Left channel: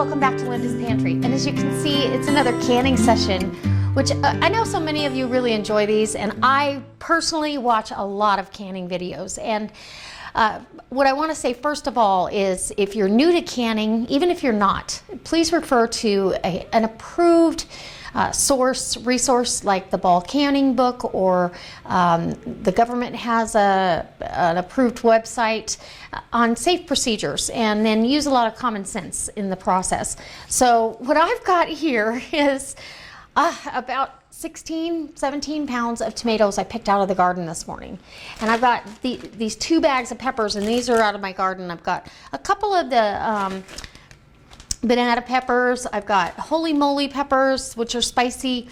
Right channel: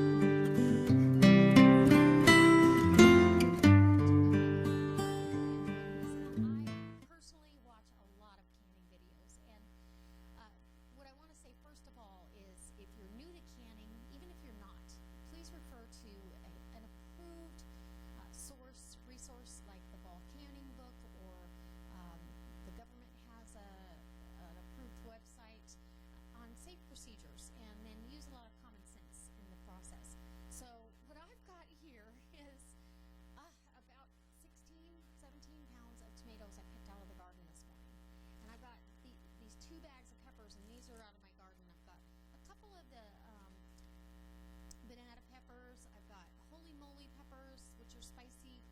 welcome back to Linda's Pantry. And as you can see, it's another canning session, which I know so many of you really enjoy these, and I personally watch a lot of canning videos. And what I want to say first of all is, if you're new to canning, even if you're not, please refer to an approved resource like the Ball Canning Book, or the government has an approved website on safe procedures, and then use a lot of common sense in the process. So what I've got here is about 17 pounds of tomatoes I picked out of the garden this morning. And I've got these 2 bags of peppers, and these are out of my garden. I've got a couple of the banana peppers. I've got holy moly peppers, which are spicy,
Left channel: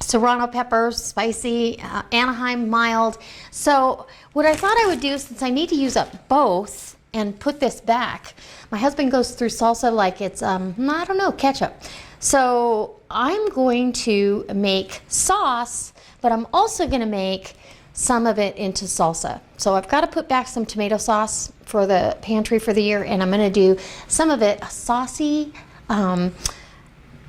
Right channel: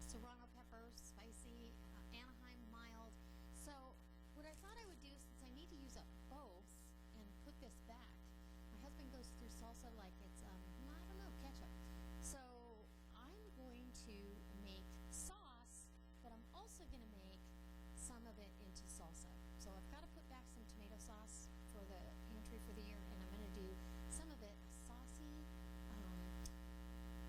serrano peppers, spicy, Anaheim mild. So what I thought I would do, since I need to use up both and put this back, my husband goes through salsa like it's, I don't know, ketchup. So I'm going to make sauce, but I'm also going to make some of it into salsa. So I've got to put back some tomato sauce for the pantry for the year, and I'm going to do some of it a saucy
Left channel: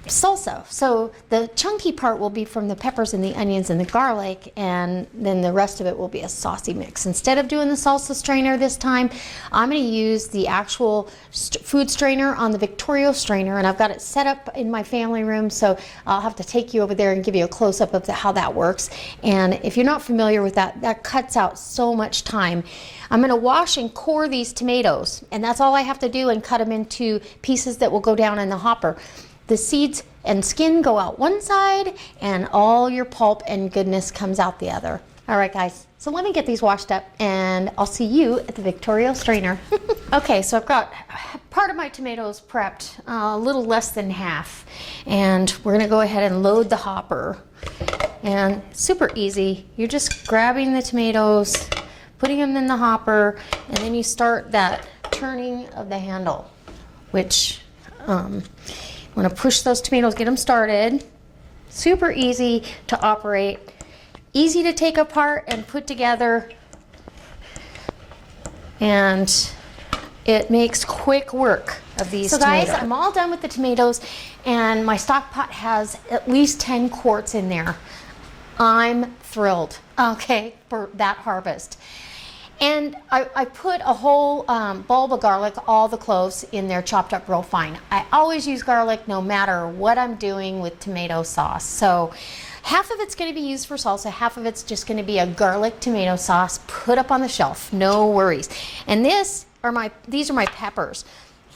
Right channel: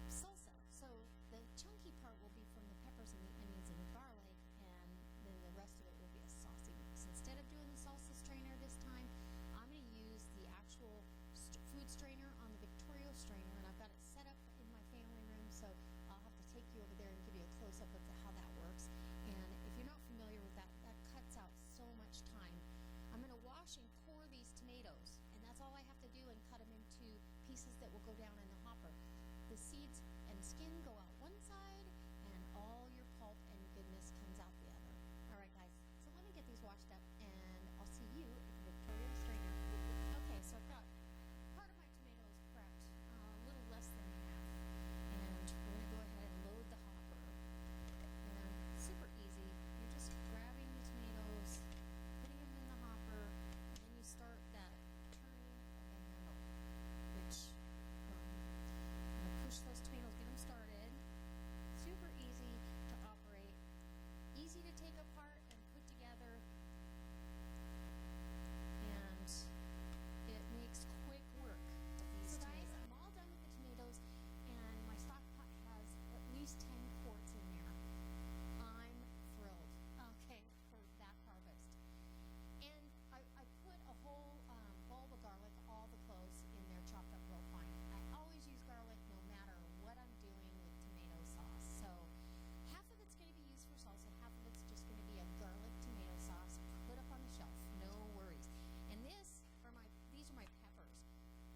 salsa. So the chunky part will be from the peppers and the onions and the garlic, and then the rest of it will be a saucy mix. Instead of doing the salsa strainer this time, I'm going to use the actual food strainer on the Victorio Strainer, and I've got it set up in my family room, so I'll have to take you over there and give you a close-up of how that works. And if you're not familiar with that, that cuts out so much time. I'm going to wash and core these tomatoes, and that's all I have to do, and cut them into pieces that will go down in the hopper. The seeds and skin go out one side, and all your pulp and goodness comes out the other. All right, guys, so let me get these washed up, and I'll see you at the Victorio Strainer. Okay, so I've got part of my tomatoes prepped, a little less than half, and we're going to go ahead and load the hopper. And super easy. You're just grabbing the tomatoes, putting them in the hopper, and then you start that turning of the handle, which I'm going to push those tomatoes, get them started. Super easy to operate, easy to take apart and put together, and it makes quick work of these tomatoes. So guys, I'm all done with the tomatoes, and my stock pot has at least 10 quarts in there. I'm thrilled, okay, for that harvest. And I put a whole bulb of garlic, all the cloves in there, chopped up real fine. I always use garlic no matter what I'm doing with tomato sauce. So half of it's going to be used for salsa, half of it's just going to be a garlic tomato sauce put up on the shelf, no worries. And these are my peppers.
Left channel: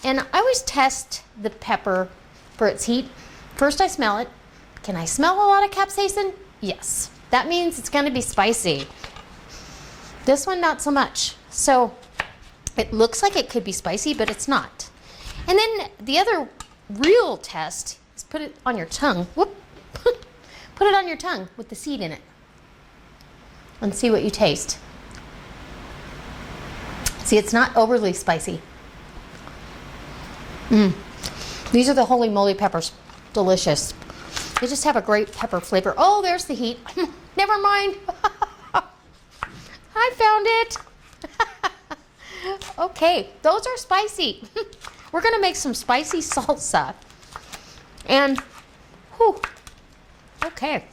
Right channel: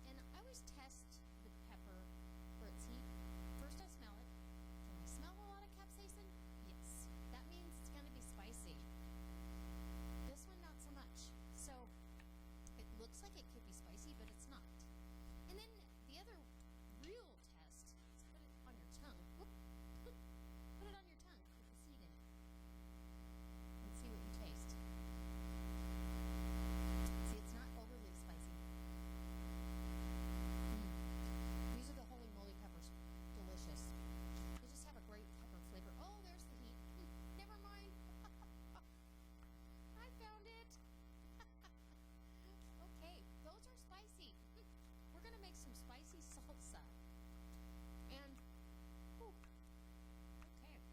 And I always test the pepper for its heat. First I smell it. Can I smell a lot of capsaicin? Yes. That means it's going to be spicy. This one, not so much. So it looks like it could be spicy, but it's not. And then the other real test is put it on your tongue. Whoop. Put it on your tongue with the seed in it, and see what you taste. See, it's not overly spicy. These are the holy moly peppers. Delicious. They just have a great pepper flavor. Oh, there's the heat. Never mind. I found it. Okay, those are spicy. We're gonna make some spicy salsa. And, whew, okay.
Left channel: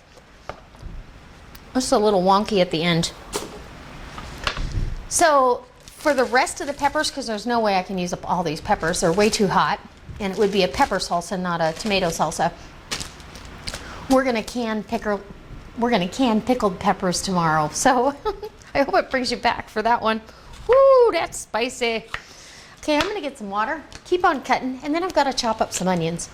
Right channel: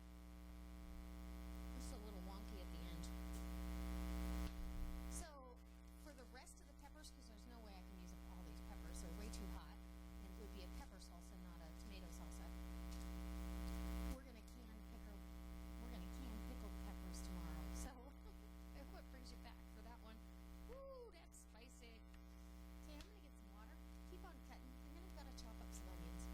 Just a little wonky at the end. So, for the rest of the peppers, because there's no way I can use up all these peppers, they're way too hot, and it would be a pepper salsa, not a tomato salsa. We're gonna can pickled peppers tomorrow. So I hope it brings you back for that one. Woo, that's spicy. Okay, I'm gonna get some water, keep on cutting, and then I've got to chop up some onions.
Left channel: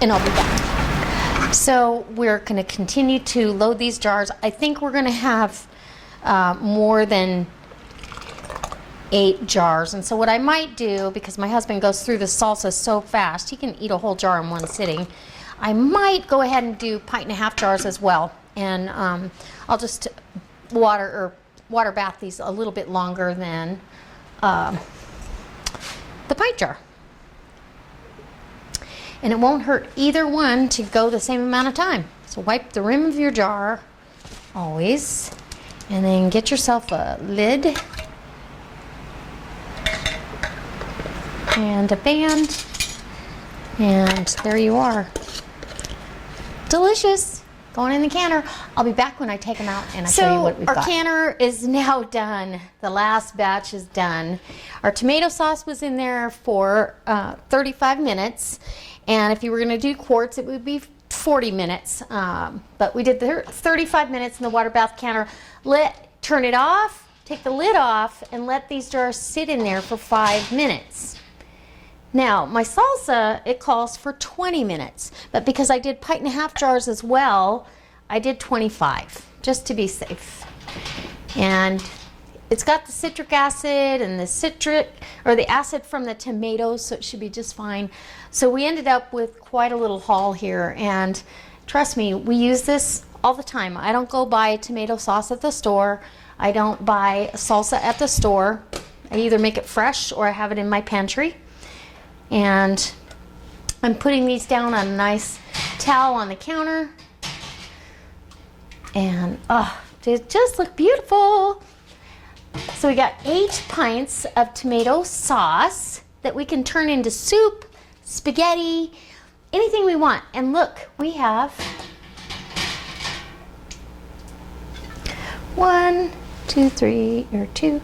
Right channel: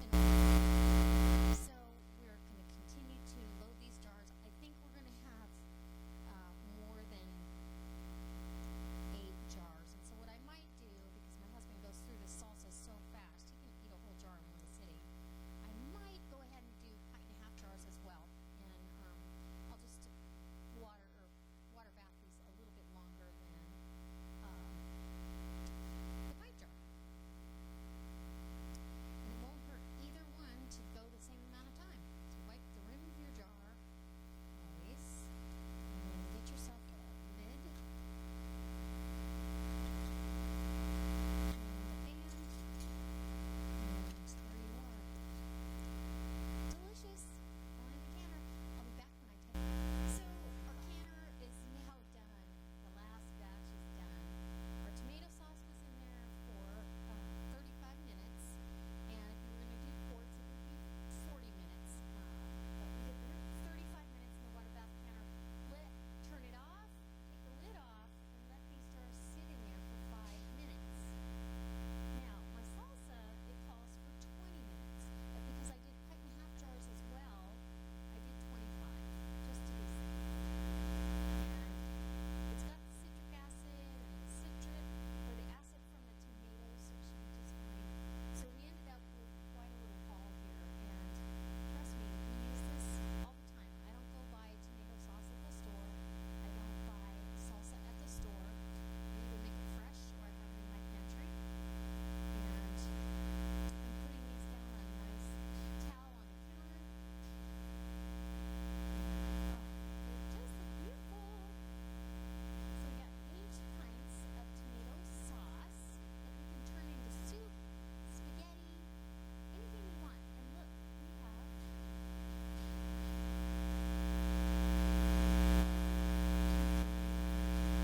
And I'll be back. So we're gonna continue to load these jars. I think we're gonna have more than 8 jars. And so what I might do, because my husband goes through the salsa so fast, he can eat a whole jar in one sitting, I might go ahead and do 1.5 jars as well. And I'll just water bath these a little bit longer than the pint jar. And it won't hurt either one to go the same amount of time. So wipe the rim of your jar, always, and then get yourself a lid. and a band, and there you are. Delicious. Going in the canner. I'll be back when I take them out and I'll show you what we've got. Our canner is now done. The last batch is done. Our tomato sauce was in there for 35 minutes, and if you were going to do quarts, it would be 40 minutes. But we did the 35 minutes in the water bath canner. Turn it off, take the lid off, and let these jars sit in there for 5 minutes. Now, my salsa, it calls for 20 minutes, but because I did 1.5 jars as well, I did 25, just to be safe. And it's got the citric acid and the acid from the tomatoes, so it should be just fine. So we ended up with quite a little haul here, and trust me, we use this all the time. I don't go buy tomato sauce at the store. I don't buy salsa at the store. I either make it fresh or I have it in my pantry. And I'm putting these down on a nice towel on the counter, and they just look beautiful. So we got 8 pints of tomato sauce that we can turn into soup, spaghetti, anything we want. And look, we have 1, 2, 3, 4,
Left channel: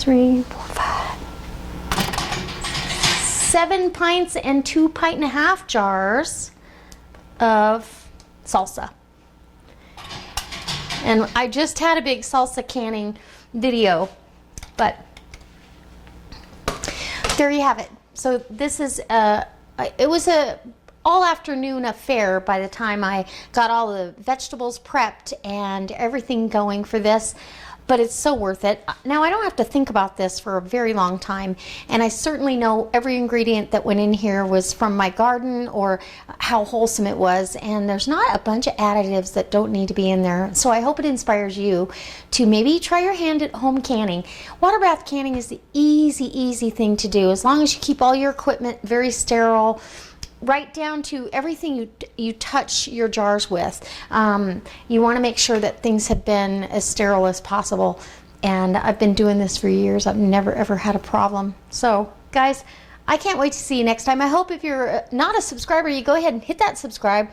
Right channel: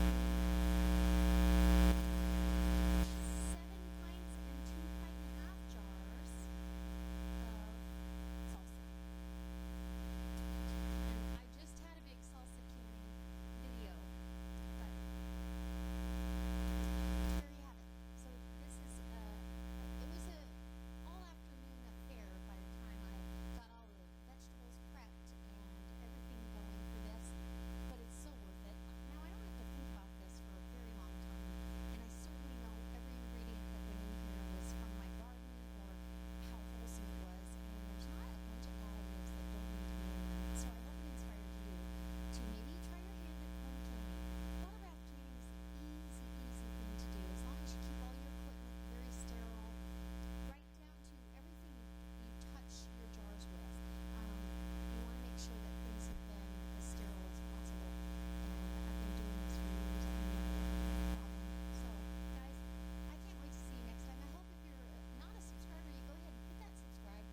5, 7 pints and 2.5 pints jars of salsa. And I just had a big salsa canning video, but there you have it. So this is it was a all afternoon affair by the time I got all the vegetables prepped and everything going for this. But it's so worth it. Now, I don't have to think about this for a very long time, and I certainly know every ingredient that went in here was from my garden or how wholesome it was, and there's not a bunch of additives that don't need to be in there. So I hope it inspires you to maybe try your hand at home canning. Water bath canning is the easy thing to do, as long as you keep all your equipment very sterile, right down to everything you touch your jars with. You want to make sure that things have been as sterile as possible, and I've been doing this for years. I've never ever had a problem. So guys, I can't wait to see you next time. I hope if you're not a subscriber, you go ahead and hit that subscribe.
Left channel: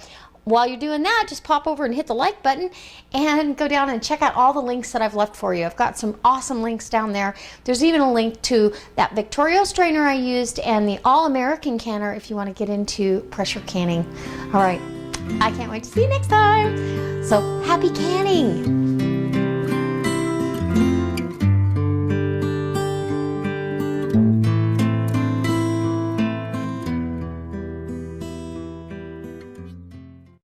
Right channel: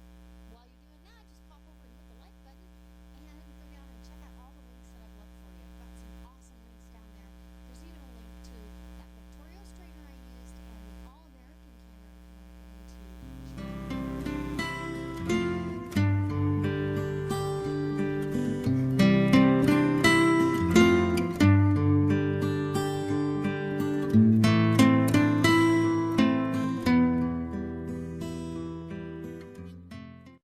While you're doing that, just pop over and hit the like button and go down and check out all the links that I've left for you. I've got some awesome links down there. There's even a link to that Victorio Strainer I used and the All-American canner if you want to get into pressure canning. All right, I can't wait to see you next time. So happy canning.